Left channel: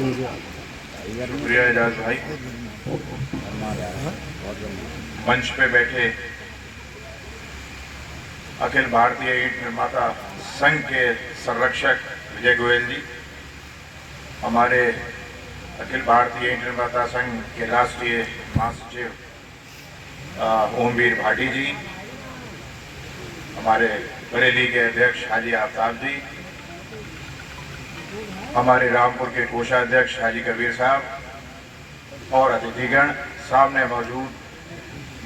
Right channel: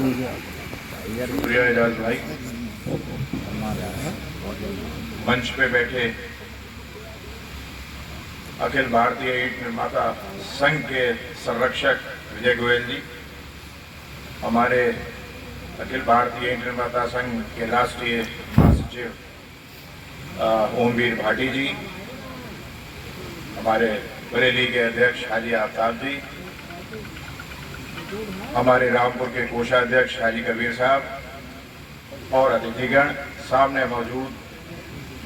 शुक्रिया एजाज भाई। मंच पे बैठे अखिल भारतीय ईंट निर्माता संघ के संरक्षक विजय गोयल जी, हमारे अखिल भारतीय ईंट निर्माता संघ के राष्ट्रीय महासचिव ओमवीर भाटी जी, हमारे बरेली के अध्यक्ष हाजी आफ्ताब जी, हमारे रामपुर के कोषाध्यक्ष हाजी कबीर साहब और अतिथिगण, सामने मौजूद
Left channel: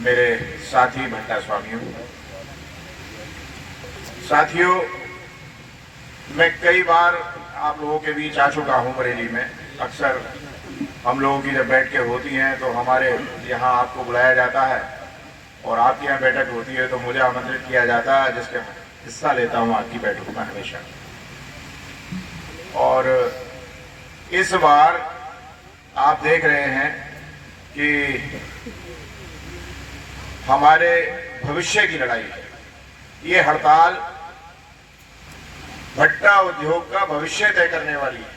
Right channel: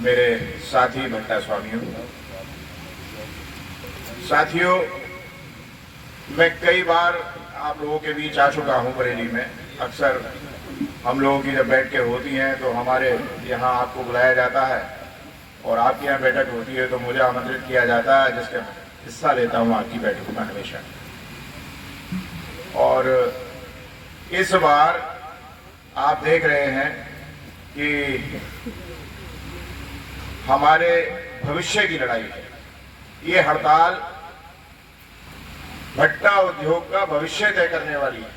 मेरे साथी भट्टा स्वामियों। साथियों, मैं कई बार आप लोगों के बीच आ चुका हूं बरेली में। अक्सर हम लोगों की जब बैठकें होती हैं तो हमारे यहाँ आपको बुलाया जाता है और आपके यहाँ बैठक होती है तो मुझे आमंत्रित किया जाता है, जिसके हिस्सा लेता हूँ आपकी बैठकों में हमेशा। और इस बार आप देख रहे हैं कि हमारे भविष्य की लड़ाई है। ये हड़ताल भट्टा उद्योग का भविष्य तय करने वाली है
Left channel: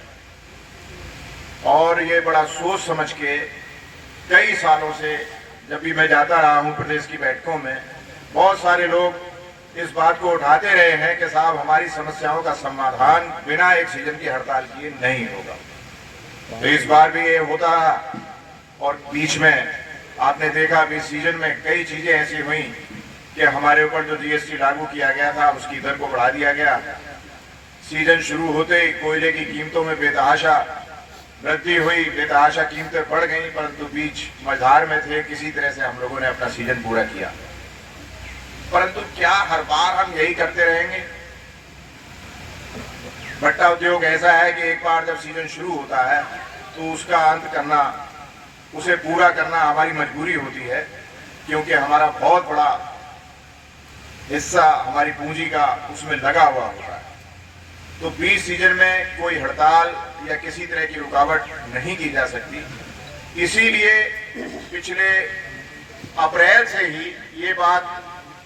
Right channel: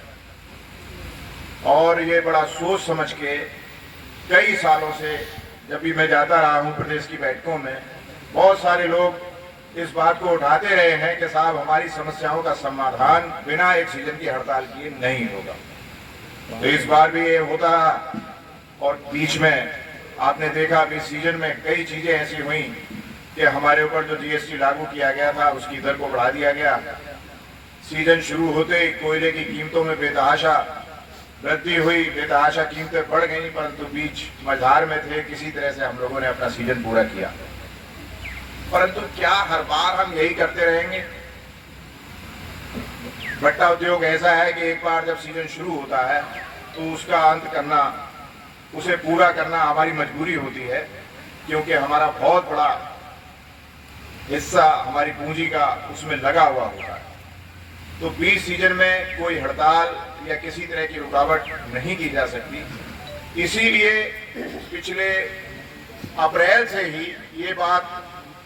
और ये बड़ा सोच समझ के कई सालों से जब भी मैं जाता रहा हूं प्रदेश की बैठकों में, बहुत सारे लोग इस बात को उठाते रहे हैं कि साहब हमारी समस्याओं का समाधान बिना एक सीजन की हड़ताल किए नहीं होगा। तो इस बार भी ये होता रहा और बीच में आपने देखा कि सीजन में कई चीजें ऐसी हुई कि हमारे ऊपर जो जीएसटी लागू किया गया था उसकी दर को बढ़ा दिया गया। सीजन शुरू होते ही कोयले की कीमतों में बेतहाशा वृद्धि हुई, बेतहाशा कीमतें बढ़ गई, परंतु बीच मझधार में थे, किसी तरह से हम लोगों ने अपना सीजन पूरा किया। परंतु क्या हर बार हम यही करते रहेंगे? भट्टा उद्योग ऐसा है कि एक बार जब सीजन शुरू होता है तो उसका अंत करना, उसे पूरा करना हमारी मजबूरी होती है, क्योंकि हमारा बहुत बड़ा हिस्सा हमारी पूंजी का उसमें लगा हुआ होता है। तो बीच सीजन में कोई हड़ताल या किसी तरह की रुकावट नहीं की जा सकती। इसीलिए पिछले अप्रैल से ही ये बात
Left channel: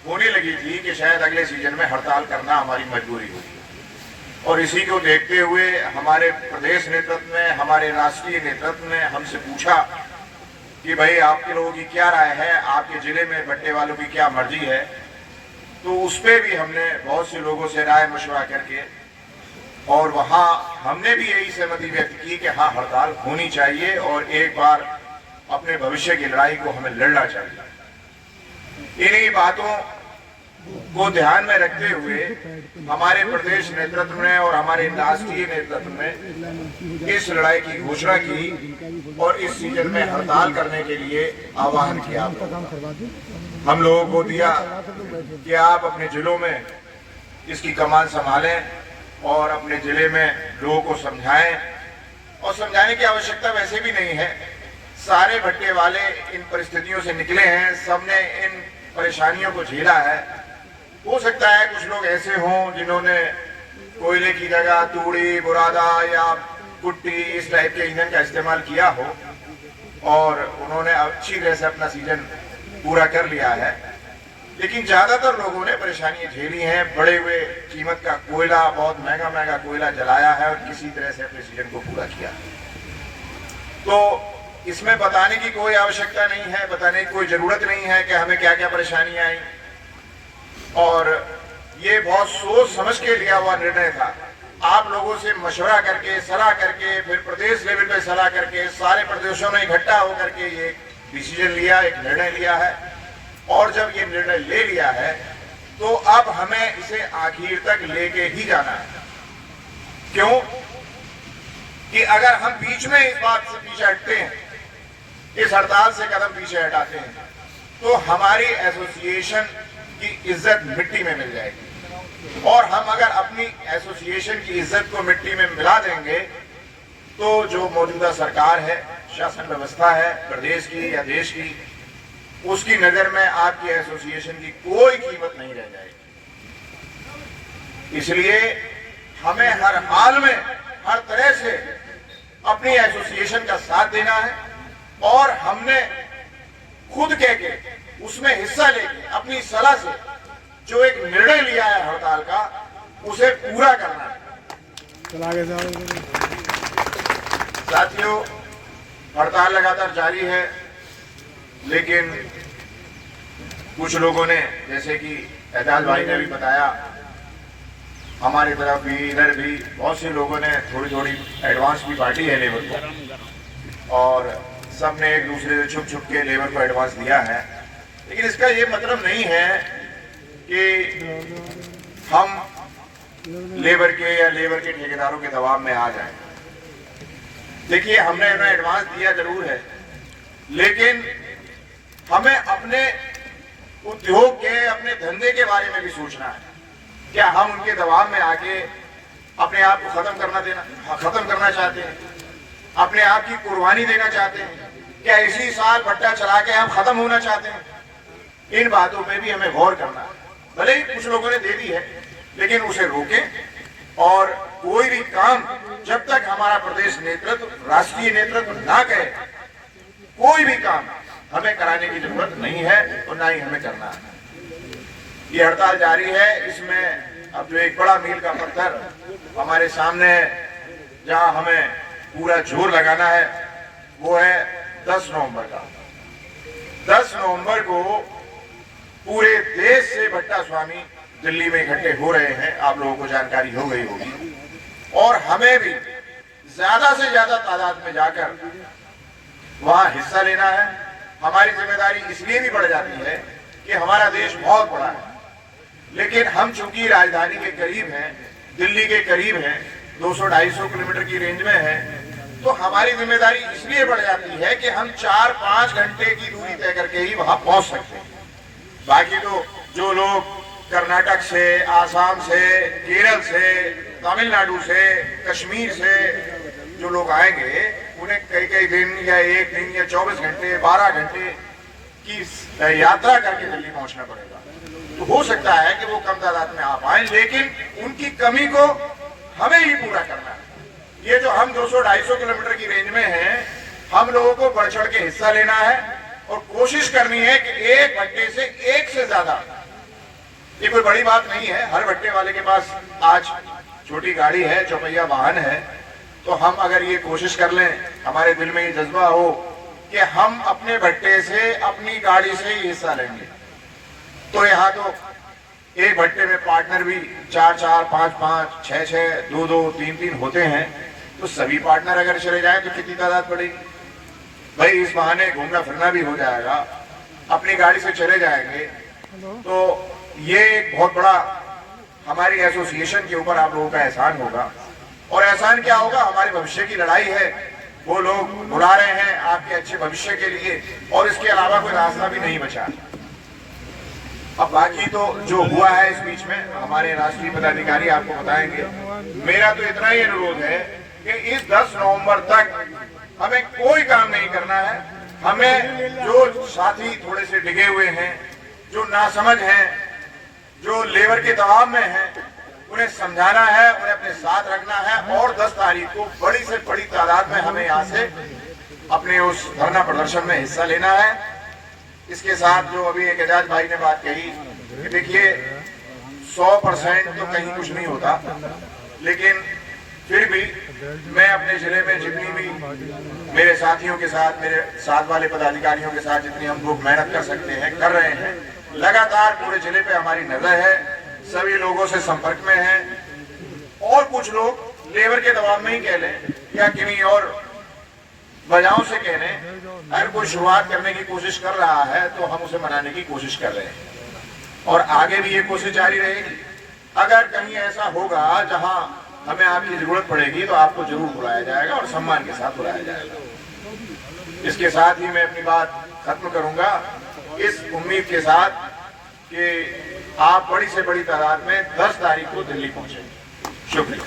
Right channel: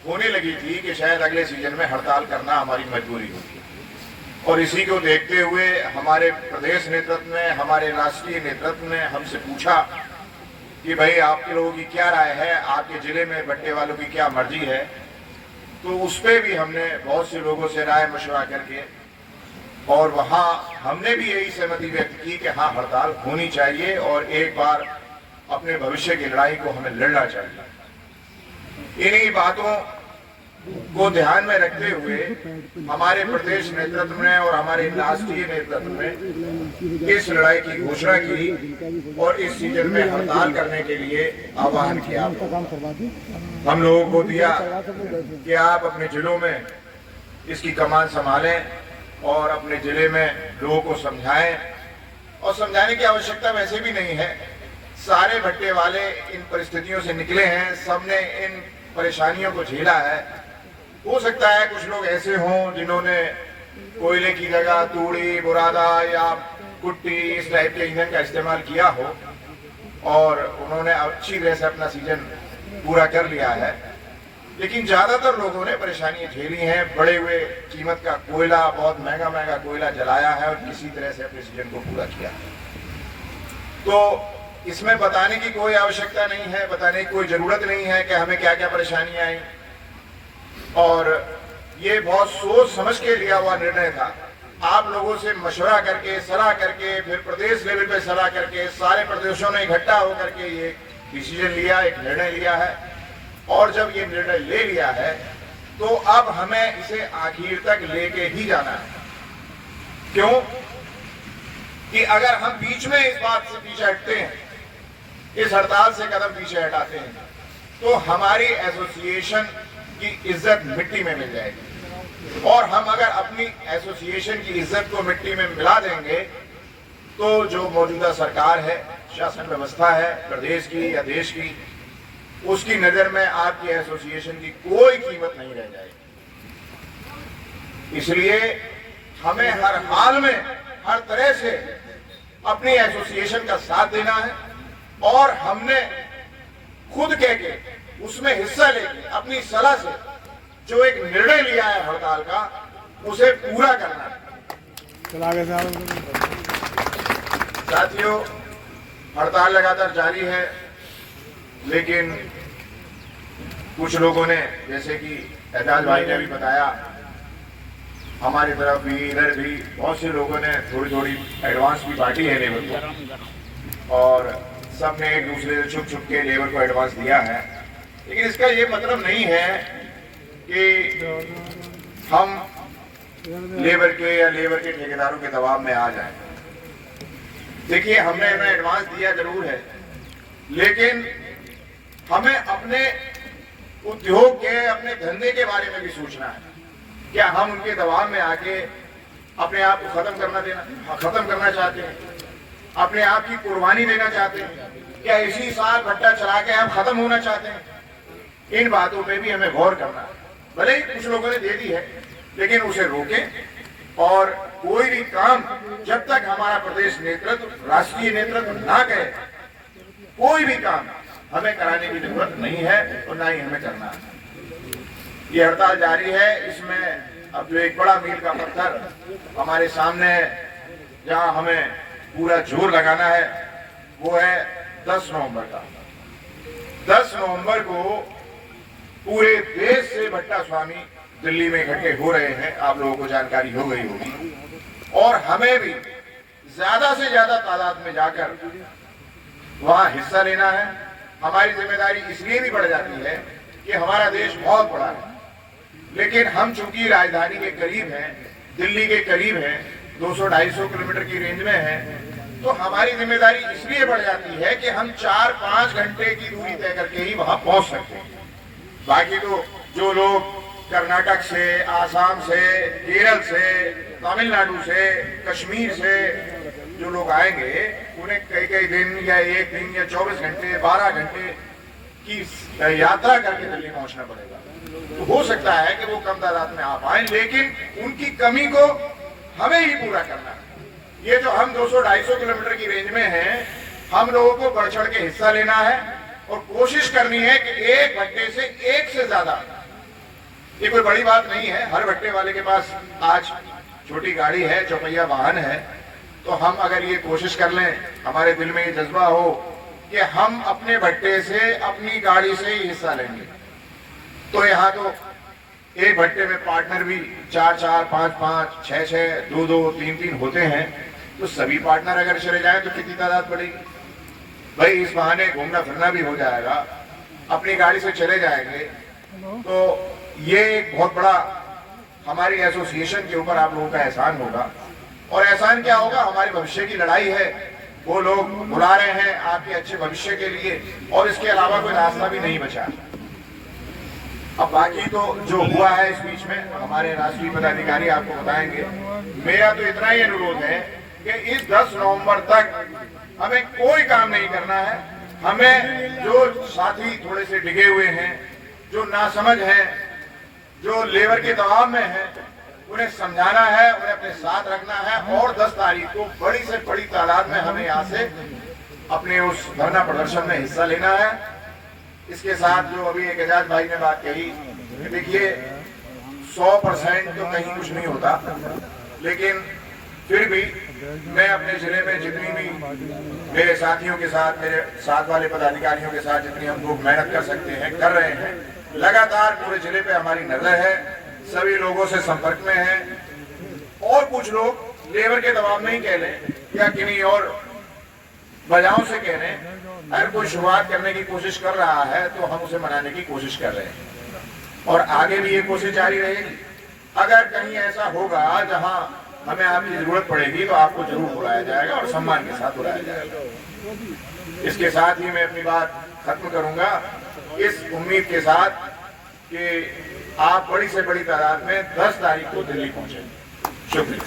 होने लगी थी कि शायद अगले सीजन में हड़ताल करना हमारी मजबूरी होगी। और इसी को देखते हुए हमारे प्रदेश नेतृत्व ने, हमारे राष्ट्रीय नेतृत्व ने हमसे पूछा कि भाई आपके लोगों की क्या राय है, आपके जिले में भट्टे वालों की क्या मर्जी है। तो उस पर भी हमने बहुत से लोगों से राय मशवरा करके और वहां हमने भी यही सहमति व्यक्त की कि हाँ, हड़ताल होनी चाहिए और एक बार अपने भविष्य की लड़ाई को हमें लड़ना चाहिए। इन्हीं बातों को ध्यान में रखते हुए हमारे प्रदेश नेतृत्व ने और हमारे राष्ट्रीय नेतृत्व ने इस लड़ाई की घोषणा की और इस सीजन में हड़ताल करने के लिए आह्वान किया। हम लोगों को दिया कि आप अपने जिलों में इसकी कमान संभालें और अपने जिले में लोगों को समझाएं। और समझाने की आवश्यकता वैसे भी नहीं है, सारे भट्टे वाले इन परिस्थितियों से निकले हैं, सबने इन परेशानियों को झेला है। हो सकता है कुछ लोग ऐसे हों जिन्होंने कोयले की जगह तूड़ी, बुरादा या कुट्टी इस टाइप के ईंधन का इस्तेमाल किया हो और उन्होंने अच्छी तरह से अपना सीजन पूरा कर लिया है, लेकिन ज्यादातर लोगों ने परेशानियां झेली हैं। बढ़े हुए कीमत का कोयला, बहुत महंगा महंगा कोयला जलाया है और किसी तरह से अपने सीजन को पूरा किया है। तो इसमें बताने की कोई आवश्यकता नहीं है, बताने की कोई जरूरत नहीं है कि हमें क्या क्या परेशानियां आई। और ये बहुत सोच समझ के लिया हुआ निर्णय था। आप लोगों से मशवरा करके, सलाह करके, फिर प्रदेश लेवल पे सलाह करके, सारे प्रदेशों ने इकट्ठा होकर के ये डिसीजन लिया, एक निर्णय लिया है। और जब ये निर्णय ले लिया है तो अब हमें इसे आखिर तक लेके ही जाना है। क्यों कि अगर हम बीच में इस बात से पीछे हटते हैं, इस हड़ताल से कदम पीछे हटाते हैं, तो हमारी एसोसिएशन की इज्जत मिट्टी में मिल जाएगी। और हम अगर अपनी एसोसिएशन की इज्जत को मिट्टी में मिला देंगे तो जो मौजूदा सरकार है, शासन व्यवस्था है प्रदेश की या देश की, उसकी नजर में आपकी एसोसिएशन की कोई कीमत नहीं रह जाएगी। इसलिए हमें हर हाल में, हर तरह से अपनी एसोसिएशन का साथ देना है और हमने खुद कह के उसमें हिस्सा लेके अपनी सलाह से जो एक निर्णय लिया है हड़ताल का, उसे पूरा करना है। साथियों, हड़ताल लगातार जारी है, लेकिन कुछ लोगों ने, जैसे कि एजाज भाई ने भी बताया, हमारी तरफ भी इधर भी बहुत से लोगों ने थोड़ी थोड़ी एडवांस की पार्टी है लेबर को, और सब ने एक दूसरे से छुप छुप के लेबर को एडवांस दिया है। लेकिन इसका ये मतलब नहीं है कि हम लेबर के या लेबर के ठेकेदारों के दबाव में आ जाएं। देखिए, हमने इन्हें एडवांस दिया जरूर है, लेकिन हमें अपने उद्योग के, अपने धंधे के बारे में भी सोचना है। क्या हम उनके दबाव में आके अपने आप को खत्म करना चाहते हैं? अपने आप की कुर्बानी देना चाहते हैं? क्या इसी साल भट्टा चला के हम खत्म होना चाहते हैं? इन बातों पे भी हमें गौर करना है। भले ही कुछ लोगों ने दे दी है, लेकिन उसे रोकें। और कोई भी काम जब तक हमारा प्रदेश नेतृत्व, राष्ट्रीय नेतृत्व ना कहे, कोई भी काम हमें कराने की जरूरत नहीं है और ना ही हमें करना है। ये हड़ताल जारी है। इसमें अब जो एक बड़ा मील का पत्थर हमारे सामने है, जहां हमें पूरा जोर लगाना है, वो है 10 नवंबर का। 10 नवंबर को पूरे देश से भट्टा स्वामी दिल्ली में इकट्ठे हो रहे हैं। आप लोगों को जानकारी हो गई होगी, और हमें भी ज्यादा से ज्यादा तादाद में जाकर वहां हिस्सा लेना है। हमारी जिम्मेदारी इसलिए भी बढ़ जाती है कि हमारा देश बहुत बड़ा है, लेकिन हम चूंकि राजधानी के करीब हैं, दिल्ली के करीब हैं, 200-250 किलोमीटर की रेंज में हैं, तो हमारी जिम्मेदारी इसलिए बढ़ जाती है कि हम 4-5 घंटे की दूरी तय करके ही वहां पहुंच सकते हैं। बाकी तो जो लोग कर्नाटक से, आसाम से, केरल से, तमिलनाडु से, कश्मीर से जो लोग आएंगे, उन्हें कई कई दिन या एक दिन या 24 घंटे, 12 घंटे की यात्रा करके दिल्ली पहुंचना पड़ेगा। तो हो सकता है कि वो कम तादाद में आ पाए, लेकिन उनकी कमी को हमें ही पूरा करना है। ये जो हम 200-250 किलोमीटर की रेंज में हैं, हम लोगों को बढ़ चढ़ के हिस्सा लेना है और कोशिश करनी है कि एक भट्टे से एक से ज्यादा, ये कोई बड़ी बात नहीं है, हर भट्टे वाले के पास आज छोटी गाड़ी है, चौपहिया वाहन है, तो हम अगर ये कोशिश कर लें, हमारे दिल में ये जज्बा हो कि हम अपने भट्टे से, अपनी गाड़ी से ही हिस्सा लेंगे, तो यहाँ तो एक भट्टे में पार्टनर भी 4-4, 5-5, 6-6, 2-2, 3-3 होते हैं। तो सभी पार्टनर अगर चले जाएं तो कितनी तादाद पड़ेगी भाई? इस बहाने घूमना फिरना भी हो जाएगा, अपनी गाड़ी से चले जाएंगे। तो ये एक बहुत बड़ा हमारी एसोसिएशन के ऊपर आप लोगों का एहसान होगा। और एहसान क्या होगा? हमारे भविष्य की लड़ाई है, वो लोग बुला रहे हैं आपके अच्छे भविष्य के लिए, और इसके अलावा कोई रास्ता भी नहीं बचा। अब बाकी तो जो हुआ है इस बीच में, हमारे राष्ट्रीय पदाधिकारी आपको बताएंगे। मेरा तो इतना ही अनुरोध है कि इस 10 नवंबर तक हमें कोई काम नहीं करना है। हमें जो साथी थोड़े से डिगे हुए हैं, जो नासमझ हैं, जो लेबर के दबाव में हैं, उन्हें समझाना है, उन्हें अपने साथ रखना है, और 10 तारीख को बड़ी से बड़ी तादाद में हमें यहाँ से अपने उस धरना प्रदर्शन में हिस्सा लेना है। इसके साथ जो अभी एक एजाज भाई ने बात कही, देखिए 100% तो कहीं कुछ नहीं होता, लेकिन फिर भी मैं अपने जिले में जितनी भी मेरे साथियों के साथ, मेरे साथ वाले पदाधिकारियों के साथ जितनी हम लोग मेहनत कर सकते हैं कर रहे हैं। लगातार पूरे जिले पे हमारी नजर है, सभी लोगों से संपर्क में है, और कुछ लोग लेबर के दबाव में ही कह लें या किन्हीं और वजहों से कह लें, अगर कोई शुरुआत करने की कोशिश कर रहा है तो हम उसे मनाने की कोशिश कर रहे हैं, और आगे भी ये कोशिश जारी रहेगी। अगर कहीं ऐसा होगा जहां हमें आपकी जरूरत पड़ेगी तो आपको जरूर बुलाया जाएगा, और सम्मान के साथ बुलाया जाएगा। इसके साथ ही मैं अपनी बात खत्म करूंगा, इस उम्मीद के साथ कि आप बड़ी से बड़ी तादाद में 10 तारीख को दिल्ली पहुंचेंगे। शुक्रिया।